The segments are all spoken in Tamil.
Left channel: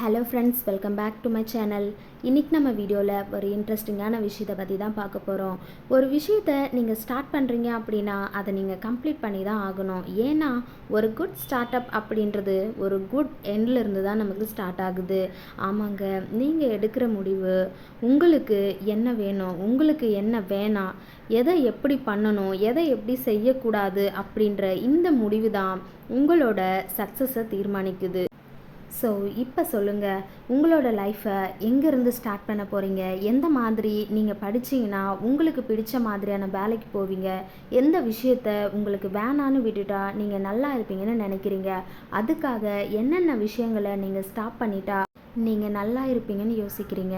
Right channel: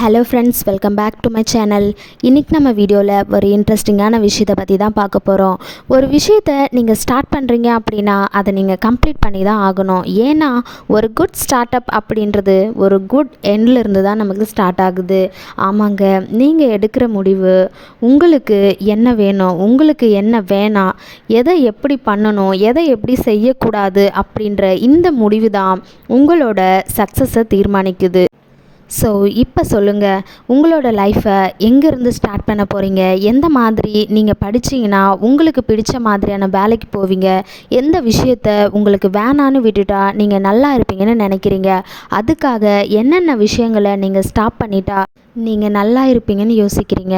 Hello friends, welcome back to my channel. இன்றைக்கி நம்ம வீடியோவில் ஒரு இன்ட்ரெஸ்டிங்கான விஷயத்தை பற்றி தான் பார்க்க போகிறோம். ஒரு விஷயத்தை நீங்கள் ஸ்டார்ட் பண்ணுறீங்க அப்படின்னா அதை நீங்கள் கம்ப்ளீட் பண்ணி தான் ஆகணும். ஏன்னா ஒரு குட் ஸ்டார்ட் அப் அப்படின்றது ஒரு குட் எண்ட்லேருந்து தான் நமக்கு ஸ்டார்ட் ஆகுது. ஆமாங்க, நீங்கள் எடுக்கிற முடிவு, உங்களுக்கு என்ன வேணும், உங்களுக்கு என்ன வேணாம், எதை எப்படி பண்ணணும், எதை எப்படி செய்யக்கூடாது அப்படின்ற இந்த முடிவு தான் உங்களோட சக்ஸஸை தீர்மானிக்குது. ஸோ இப்போ சொல்லுங்கள், உங்களோட லைஃப்பை எங்கேருந்து ஸ்டார்ட் பண்ண போகிறீங்க? எந்த மாதிரி நீங்கள் படிச்சிங்கன்னா உங்களுக்கு பிடிச்ச மாதிரியான வேலைக்கு போவீங்க? எந்த விஷயத்த உங்களுக்கு வேணான்னு விட்டுட்டா நீங்கள் நல்லா இருப்பீங்கன்னு நினைக்கிறீங்க? அதுக்காக என்னென்ன விஷயங்களை நீங்கள் ஸ்டாப் பண்ணிட்டா நீங்கள் நல்லா இருப்பீங்கன்னு யோசிக்கிறீங்க?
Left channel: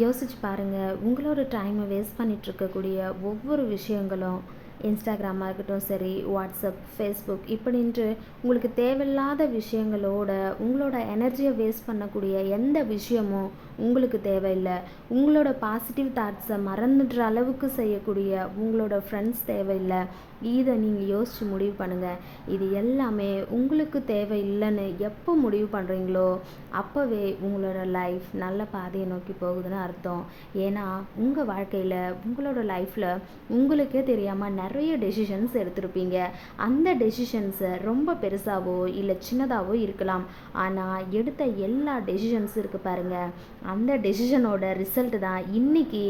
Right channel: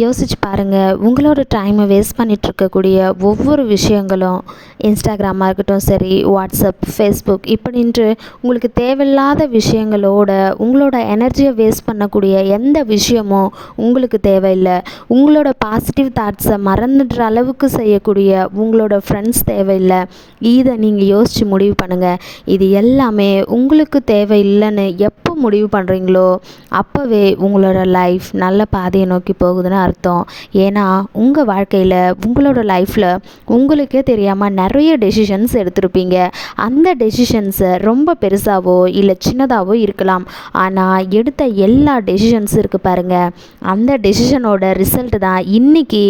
யோசிச்சு பாருங்கள். உங்களோட டைமை வேஸ்ட் பண்ணிகிட்ருக்கக்கூடிய ஒவ்வொரு விஷயங்களும், இன்ஸ்டாகிராமாக இருக்கட்டும் சரி, வாட்ஸ்அப், ஃபேஸ்புக் இப்படின்ட்டு உங்களுக்கு தேவையில்லாத விஷயங்களோட உங்களோட எனர்ஜியை வேஸ்ட் பண்ணக்கூடிய எந்த விஷயமும் உங்களுக்கு தேவையில்லை. உங்களோட பாசிட்டிவ் தாட்ஸை மறந்துடுற அளவுக்கு செய்யக்கூடிய உங்களோட ஃப்ரெண்ட்ஸ் தேவையில்லை. இதை நீங்கள் யோசித்து முடிவு பண்ணுங்கள். இது எல்லாமே உங்களுக்கு தேவையில்லைன்னு எப்போ முடிவு பண்ணுறீங்களோ அப்போவே உங்களோட லைஃப் நல்ல பாதையை நோக்கி போகுதுன்னு அர்த்தம். ஏன்னா உங்கள் வாழ்க்கையில், உங்களோட லைஃப்பில் உங்களுக்கே தெரியாமல் நிறைய டெசிஷன்ஸ் எடுத்திருப்பீங்க. அந்த டெசிஷன்ஸை ரொம்ப பெருசாகவோ இல்லை சின்னதாகவோ இருக்கலாம். ஆனால் எடுத்த எல்லா டெசிஷன்ஸும் இருக்குது பாருங்கள், அந்த டெசிஷனோட ரிசல்ட் தான் இன்றைக்கி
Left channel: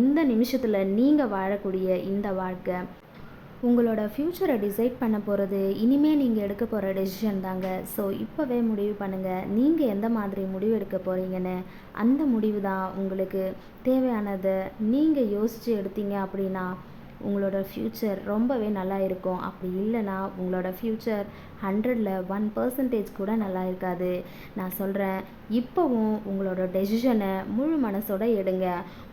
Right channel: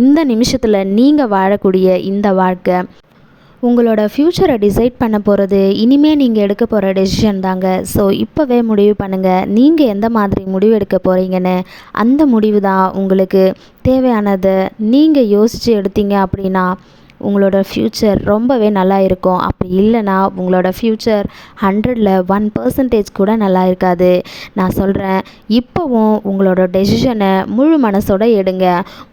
இந்த நிமிஷத்தில் நீங்கள் வாழக்கூடிய இந்த வாழ்க்கை. உங்களோட ஃப்யூச்சரை டிசைட் பண்ண போகிறது இனிமேல் நீங்கள் எடுக்க போகிற டெசிஷன் தாங்க. ஸோ இப்போவே முடிவு பண்ணுங்கள், நீங்கள் எந்த மாதிரி முடிவு எடுக்க போகிறீங்கன்னு. அந்த முடிவு தான் உங்களுக்கு தேவையானது. நீங்கள் யோசித்து எடுத்தீங்க அப்படின்னா உங்களோட ஃப்யூச்சர் ரொம்பவே நல்லா இருக்கும். அப்படி இல்லைனா உங்களோட ஃப்யூச்சர் 100ல் 1% கூட நல்லா இருக்காது. நான் சொல்கிறேன், இப்போவும் உங்களோட டெசிஷனை முழு மனசோட எடுங்க.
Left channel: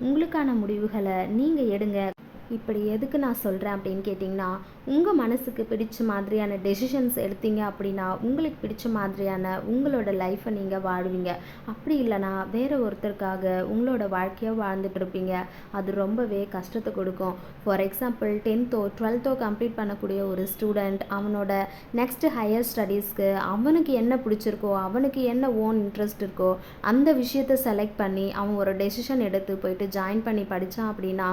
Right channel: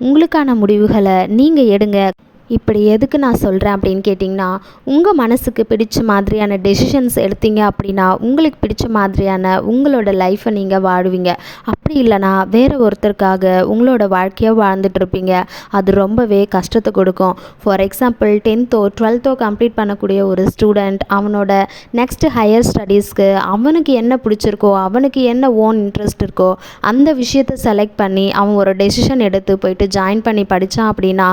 உங்களுக்கான முடிவுகளை நீங்கள் எடுங்க. இப்படி எதுக்கு நான் சொல்கிறேன் அப்படின்னு கேட்டிங்கன்னா, உங்கள் மனசுக்கு பிடிச்ச மாதிரியான டெசிஷன்ஸ் எடுத்தீங்க அப்படின்னா உங்களுக்கு பிடிச்ச மாதிரியான உங்களோட லைஃப்பை நீங்கள் வாழுவீங்க. அப்படி இல்லைனா வேறு ஒருத்தருக்காக உங்களோட வாழ்க்கையை வாழ்ந்துட்டுருப்பீங்க. அது ரொம்பவே கஷ்டத்தை கொடுக்கும். For example, 10th 12th complete பண்ணக்கூடிய ஒரு ஸ்டூடெண்ட் அவனோட நெக்ஸ்ட்டு ஹையர் ஸ்டடீஸ்க்கு அவனுக்கு என்ன பிடிச்சிருக்கோ, அவனுக்கு என்ன ஓன் இன்ட்ரெஸ்ட் இருக்கோ அந்த விஷயத்தை செலக்ட் பண்ணி அவன் ஒரு டெசிஷன் எடுத்து போயிட்டு ஜாயின் பண்ணி படித்தான் அப்படின்னா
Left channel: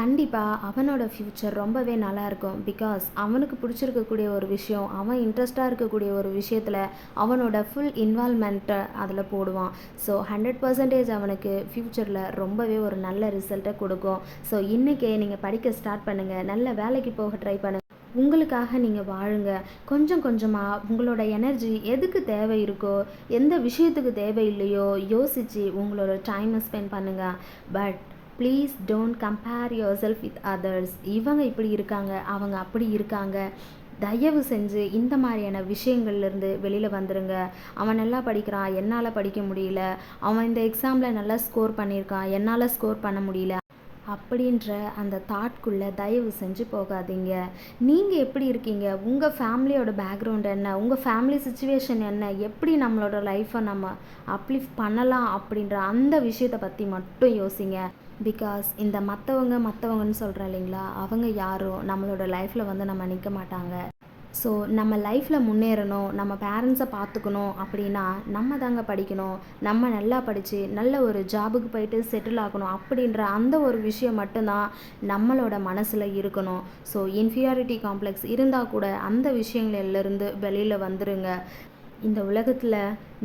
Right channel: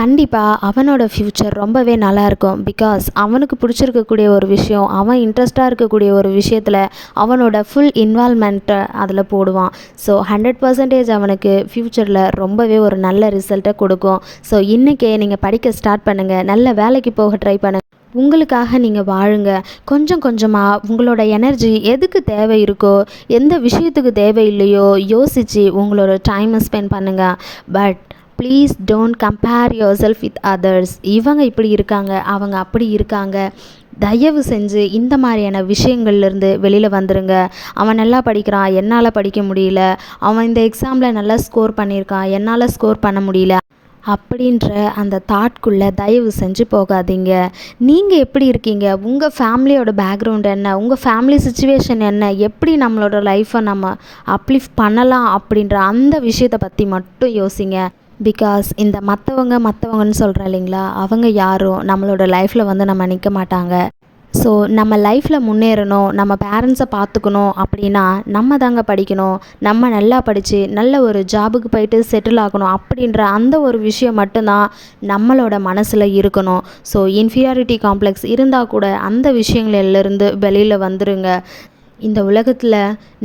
கண்டிப்பாக அவனோட ஃப்யூச்சர் ரொம்பவே நல்லாயிருக்கும். பிகாஸ் அவனுக்கு பிடிச்சிருக்கக்கூடிய ஒரு விஷயம், அவன் இன்ட்ரெஸ்டாக இருக்கக்கூடிய ஒரு விஷயத்தில் அவனோட ஃபுல் இன்வால்மெண்ட்டை அதில் போடுவான். ஸோ 100% அவனுக்கு ஃப்யூச்சரில் ரொம்பவே ஒரு நல்ல ரிசல்ட்டை கொடுக்கும். ஸோ இன்றைக்கே நீங்கள் படிக்க ஸ்டார்ட் பண்ணுங்கள், நல்ல வேலைக்கு போக ட்ரை பண்ணுங்கள். உங்களுக்காக நீங்கள் வாழுங்க. கொஞ்சம் கொஞ்சமாக உங்களோட எனர்ஜி எதுக்கு தேவை இருக்கோ, எந்த விஷயத்துக்கு தேவையில்லையோ யோசித்து உங்களோட டைமை ஸ்பெண்ட் பண்ணுங்கள். But please don't compare your self with others. இவங்க இப்படி இருக்காங்க, அவங்க அப்படி இருக்காங்க. தயவு செஞ்சு இந்த மாதிரியான விஷயங்கள்லேருந்து வெளியில் வந்துடுங்க. அவன் நல்லா படிக்கிறான், என்னால் படிக்க முடியல. அவன் இந்த எக்ஸாமில் நல்லா ஸ்கோர் பண்ணியிருக்கான், என்னால் ஸ்கோர் பண்ண முடியல அப்படின்ற அந்த தாட்குள்ளே தயவு செஞ்சு போகாதீங்க. நீங்கள் எப்படி இருக்கீங்க, உங்கள் ஃபேமிலியோட பேக்ரவுண்ட் என்ன, உங்கள் ஃபேமிலி சுச்சுவேஷன் என்ன, எப்படி நம்மளோட லைஃப்பை நம்ம அப்லிஃப்ட் பண்ணலாம் அப்படின்ற அந்த விஷயத்தை பற்றி மட்டும் யோசிங்க. பிகாஸ் இந்த மற்றவங்கன்னு சொல்கிறேன் இல்லைங்களா, அவங்க யாரும் நம்மளோட லைஃப்பில் வந்து நம்ம நிற்க மாட்டாங்க. ஸோ நம்ம லைஃப்பில் முன்னேறணும், நம்ம பேரண்ட்ஸை பார்த்துக்கணும் அப்படின்னா நம்ம தாங்க படிக்கணும். நம்ம நல்லா படித்து நல்ல ஒரு ஜாபுக்கு போயிட்டு செட்டில் ஆகணும் அப்படின்ற அந்த ஒரு விஷயம் மட்டும்தான் நம்மளோட மனசில் இருக்கணும். ஸோ இன்ஃபீரியாரிட்டி காம்ப்ளெக்ஸ் இருந்தால் கூட அந்த விஷயங்களிலிருந்து வெளியில் வந்துடுங்க. இந்த உலகத்தில்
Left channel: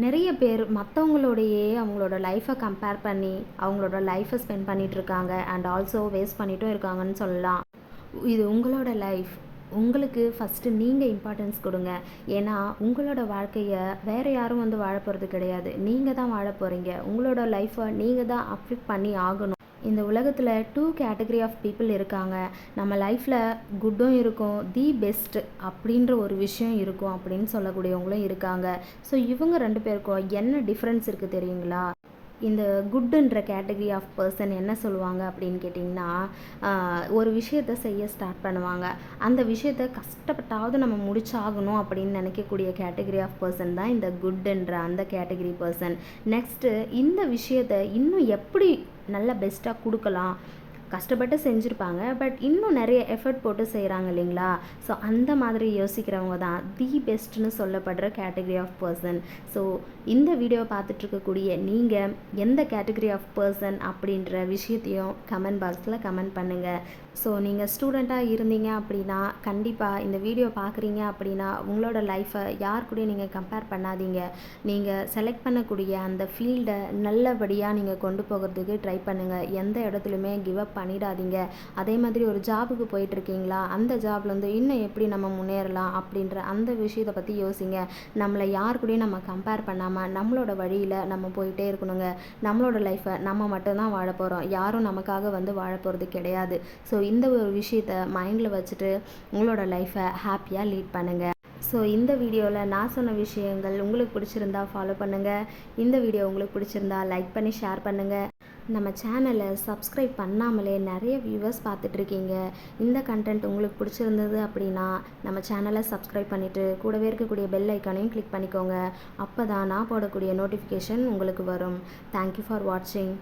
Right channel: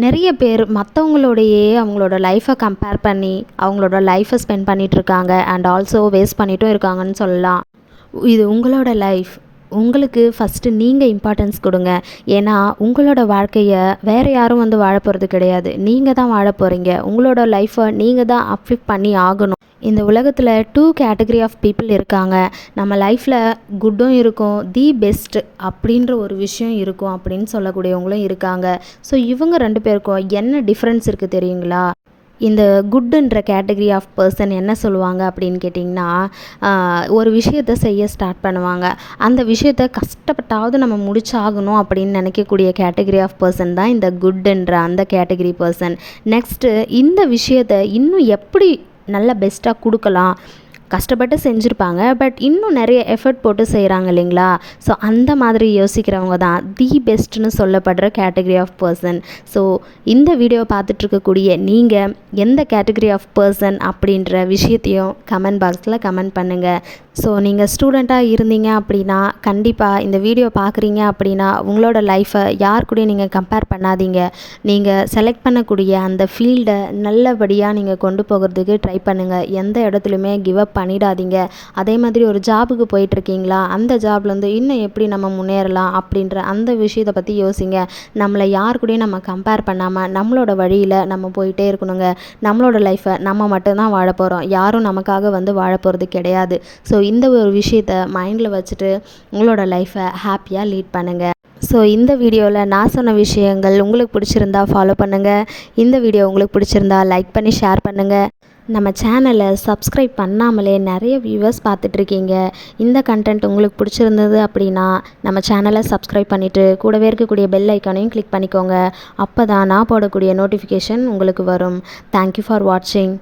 நிறைய பேர் மற்றவங்களோடையே அவங்களோட லைஃப்பை கம்பேர் பண்ணி அவங்களோட லைஃப்பை ஸ்பெண்ட் பண்ணிகிட்ருக்காங்க. அண்ட் ஆல்சோ வேஸ்ட் பண்ணிட்டும் இருக்காங்கன்னு சொல்லலாம். இது உங்களோட லைஃப். உங்களுக்கு ஃபஸ்ட்டு நீங்கள் இம்பார்ட்டன்ஸ் கொடுங்க. ஏன்னா உங்களோட வாழ்க்கையை வேறு யாரும் வந்து வாழ போகிறது கிடையாது. நீங்கள் தான் வாழ போகிறீங்க. உங்களோட லைஃப்பை நீங்கள் தான் அப்லிஃப்ட் பண்ணி ஆகணும். இந்த உலகத்தில் 2 கேட்டகரி ஆஃப் பீப்புள் இருக்காங்க. நம்ம லைஃப்பில் குட்டும் இருக்கும், தி பெஸ்ட் அப்படின்ற ஒரு விஷயம் இருக்கும் அப்படின்னு சொல்லக்கூடியவங்களும் இருக்காங்க. ஸோ இவங்க 2 பேருக்கும் என்ன டிஃப்ரென்ஸ் இருக்குது தெரியுங்களா? இந்த குட்டுன்ற கேட்டகரி ஆஃப் பர்சன் என்ன சொல்லுவாங்க அப்படின்னு கேட்டிங்கன்னா, ஒரு விஷயத்தை செய்ய ஸ்டார்ட் பண்ணுவாங்க. அந்த விஷயத்தை கஷ்டப்பட்டாவது நம்ம முடிச்சாகணும் அப்படின்னு நினைக்கக்கூடிய கேட்டகரி ஆஃப் பர்சன் தான் இந்த குட்டுன்ற அந்த கேட்டகரி பர்சன். நெக்ஸ்ட்டு இந்த விஷயத்தை இன்னும் எப்படி நல்ல பெஸ்ட்டாக கொடுக்கலாம், கஷ்டப்பட்டு செஞ்சுருப்பாங்க, பட் இன்னும் நிறைய எஃபர்ட் போட்டு செய்கிறாங்க இல்லைங்களா? ஸோ அந்த மாதிரி யோசிக்கிறவங்க தான் தி பெஸ்ட்னு சொல்லப்படுற கேட்டகரி ஆஃப் பர்சன். ஸோ இந்த வீடியோ பார்த்துட்ருக்கக்கூடிய நீங்கள் எந்த கேட்டகரி ஆஃப் பர்சன் அப்படின்ற விஷயத்தையும் கமெண்ட் பாக்ஸில் கமெண்ட் பண்ணுங்கள். ஸோ நீங்கள் ஸ்டூடெண்ட்டாக இருந்தீங்க அப்படின்னா கண்டிப்பாக இந்த வீடியோ பார்க்குறீங்க அப்படின்னா உங்களோட லைஃப்பை யார் கூடயும் நீங்கள் கம்பேர் பண்ணாதீங்க. நீங்கள் செலக்ட் பண்ணக்கூடிய அந்த ஃபீல்டை நல்லபடியாக நீங்கள் கொண்டு போகிறதுக்கு ட்ரை பண்ணுங்கள். எந்த இடத்துலையுமே கிவ் அப் பண்ணிடாதீங்க. அதே மாதிரி ஒரு ஜாபுக்கு போயிட்டுருக்கீங்களா, அந்த ஜாப்லேருந்து இன்னும் எப்படி நம்ம முன்னேறலாம் அப்படின்ற அந்த விஷயத்தை பற்றி யோசிங்க. நம்மளை யார் கூடயும் நம்ம கம்பேர் பண்ணாமல் நம்மளோட வழியில் நம்ம போயிட்டே இருக்கணுங்க. நம்மளோட லைஃப்பை நம்ம மட்டும்தான் வாழ போகிறோம், யாரும் நமக்காக வந்து வாழ போகிறது கிடையாது. ஸோ இந்த ஒரு விஷயத்தை மைண்டில் வச்சுட்டு உங்களோட லைஃப்பை ஹாப்பியாக லீட் பண்ணுங்கள். ஸோ இந்த வீடியோவில் நான் சொன்ன விஷயங்கள் உங்களுக்கு பிடிச்சிருந்தா ஃபாலோ பண்ணுங்கள். இந்த வீடியோ உங்களுக்கு பிடிச்சிருந்தா லைக் பண்ணி ஷேர் பண்ணுங்கள். நம்ம சேனலை சப்ஸ்கிரைப் பண்ணாமலே நிறைய வியூவர்ஸ் பார்த்துட்ருக்கீங்க. இந்த கண்டென்ட் உங்களுக்கு பிடிச்சிருந்தது அப்படின்னா நம்ம சேனலை சப்ஸ்கிரைப் பண்ணிவிட்டு கூடவே இருக்கக்கூடிய பெல் ஐக்கானையும் கிளிக் பண்ணிக்கோங்க. அப்போ தான் நான் போடக்கூடிய நோட்டிஃபிகேஷன் உங்களுக்கு வரும். தேங்க்யூ ஃபார் வாட்சிங்.